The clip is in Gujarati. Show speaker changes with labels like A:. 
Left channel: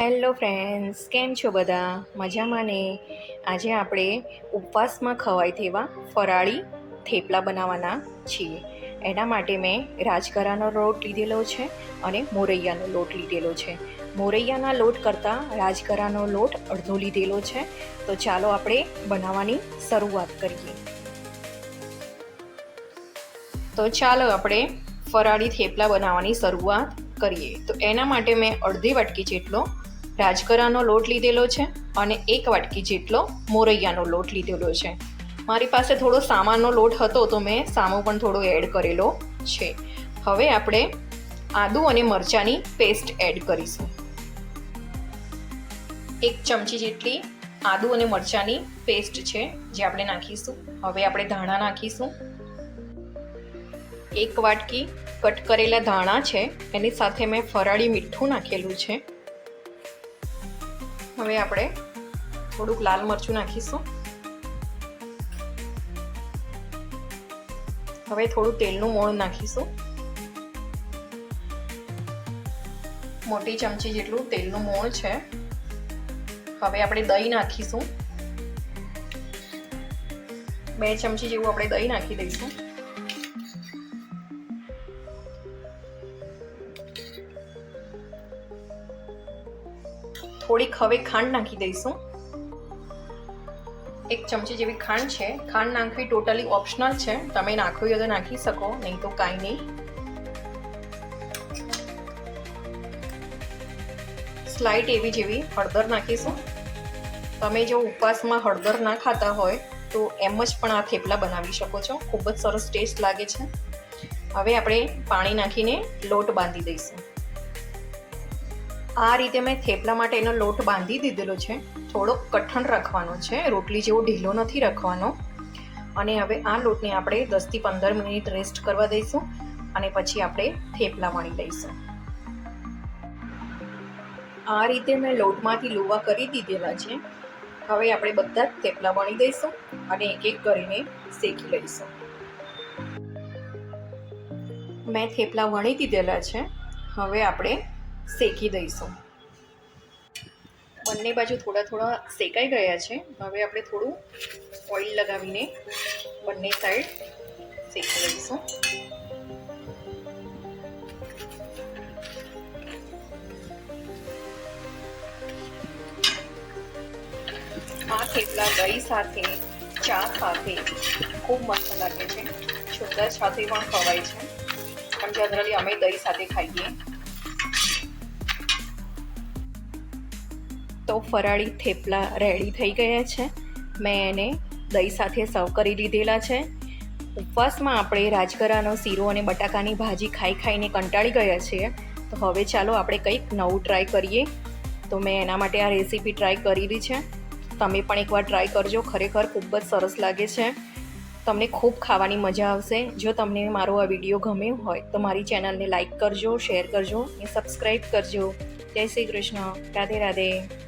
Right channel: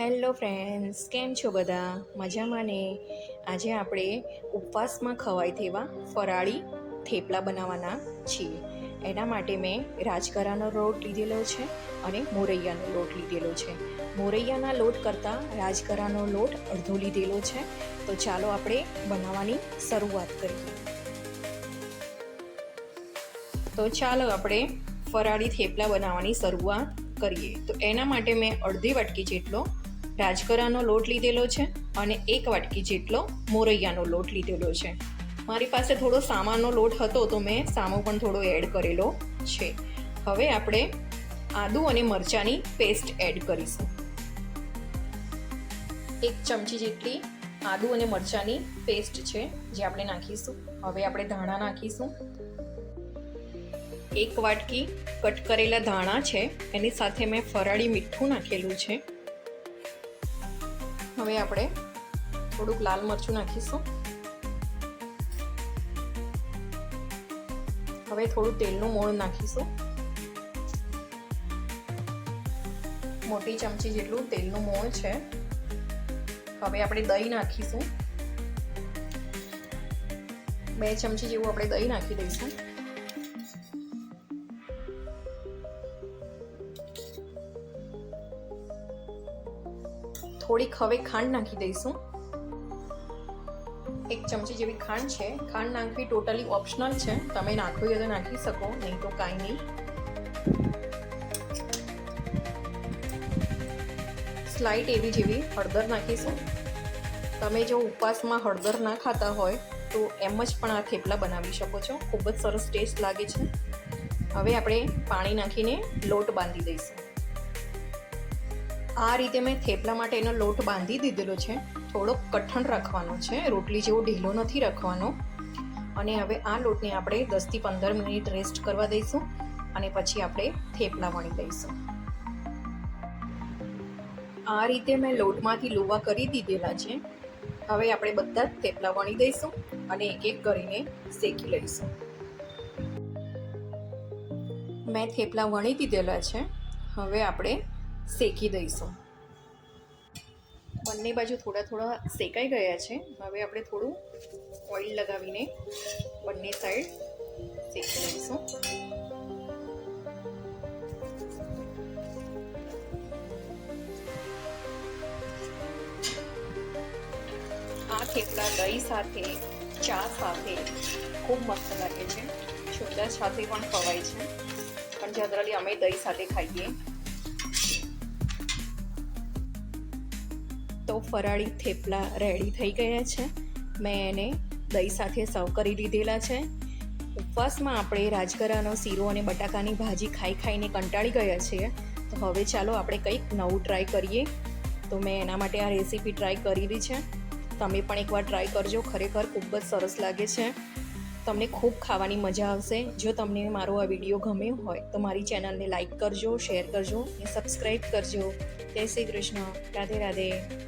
A: હેલો ફ્રેન્ડ્સ, કેમ છો બધા? મજામાં ને? આજે આપણે ઉપવાસમાં ખવાય તેવા ફરાળી થેપલા બનાવવાના છીએ. એના માટે મેં રાજગરાનો લોટ લીધેલો છે અને મોરૈયાનો લોટ લીધેલો છે. મોરૈયાના લોટ કરતાં રાજગરાનો લોટ અડધો લીધેલો છે. તો ચાલો આપણે બનાવવાની શરૂઆત કરીએ. તો ચાલો આપણે ફરાળી થેપલા બનાવવાની શરૂઆત કરીએ, તો એના માટે મેં અડધી વાટકી જેટલો રાજકરાનો લોટ લીધેલો છે અને એક વાટકી જેટલો મોરૈયાનો લોટ લીધેલો છે. મારી પાસે થોડો સામાનનો લોટ હતો, તો મેં સામો પણ થોડો એડ કરેલો છે. હવે આપણે આદુ અને મરચાંની પેસ્ટ એડ કરીશું. એક ચમચી જેટલી આદુ અને મરચાંની પેસ્ટ છે, જે આપણે નાખીશું. હવે આપણે ધાણા નાખીશું. એક વાટકી કટ કરેલા ધાણા છે, એની સાથે મેં ફરાળી મીઠું નાખેલું છે. હવે આપણે થોડુંક લાલ મરચું નાખીશું. હવે થોડું તેલનું મોણ નાખીશું. મોટી ચમચી જેટલું તેલનું મોણ છે. હવે આપણે દહીં નાખીશું. બે ચમચી જેવું આપણે દહીં નાખી દઈશું. થોડીક હવે ખાંડ નાખી દઈશું. એક ચમચી જેવી ખાંડ છે. ખાંડ નાખવી ટોટલી ઓપ્શનલ છે. તમે નાખવી હોય તો નાખી શકો, નહીં તો કાંઈ નહીં. સ્લાઇટ એવી જેવી હળદર નાખીશું. તમે જો ઉપવાસમાં હળદર ના ખાતા હોય, તો એમ જ પણ આ થેપલા બનાવી શકો છો. ખૂબ જ સરસ ટેસ્ટ લાગે છે. હવે આપણે પાણી નાખીને લોટ બાંધી દઈશું. આ રીતે મેં થેપલા માટે એનો લોટ બાંધી દીધેલો છે. થોડોક કઠણ રાખવાનો છે. રોટલી જેવો ઢીલો નથી રાખવાનો. અને હવે આ લોટને આપણે દસથી પંદર મિનિટ રેસ્ટ કરવા દઈશું અને પછી આપણે થેપલા વણી દઈશું આ રીતે મેં લોટમાંથી લુવા કરી દીધેલા છે. હવે આપણે બધા જ થેપલા વણી દઈશું અને એક એક કરીને શેકી લઈશું. મેં થેપલા વણી દીધેલા છે. હવે આપણે શેકી દઈશું. બંને બાજુ થોડા થોડા શેકાઈ ગયા છે. હવે આપણે થોડું ઓઇલ લગાવીને બંને સાઈડ શેકી દઈશું. આ થેપલા દહીં સાથે, ચા સાથે ખૂબ મસ્ત લાગે છે. છોકરા સાથે પણ ખવાય છે. પણ જનરલી અમે દહીં સાથે ખાઈએ. તો ફરાળી થેપલા રેડી થઈ ગયા છે. મેં એને દહીં સાથે સર્વ કરી લીધેલા છે. ઉપવાસમાં આપણે રાજગરાનો શીરો અને બટાકાની ભાજી ખાઈ ખાઈને કંટાળી ગયા છીએ. તો હવે ચાલો આપણે કંઈક નવું ટ્રાય કરીએ. તો મેં એના માટે આ રેસીપી ટ્રાય કરેલી છે. તમે પણ એકવાર ટ્રાય કરજો, ખરેખર ખૂબ જ સરસ લાગે છે. તમને ખૂબ ખાવાની મજા આવશે. જો તમને મારો આ વીડિયો ગમ્યો હોય તો મારી ચેનલને લાઇક કરજો શેર કરજો અને સબસ્ક્રાઈબ કરજો. જય શ્રી કૃષ્ણ. રાધે રાધે.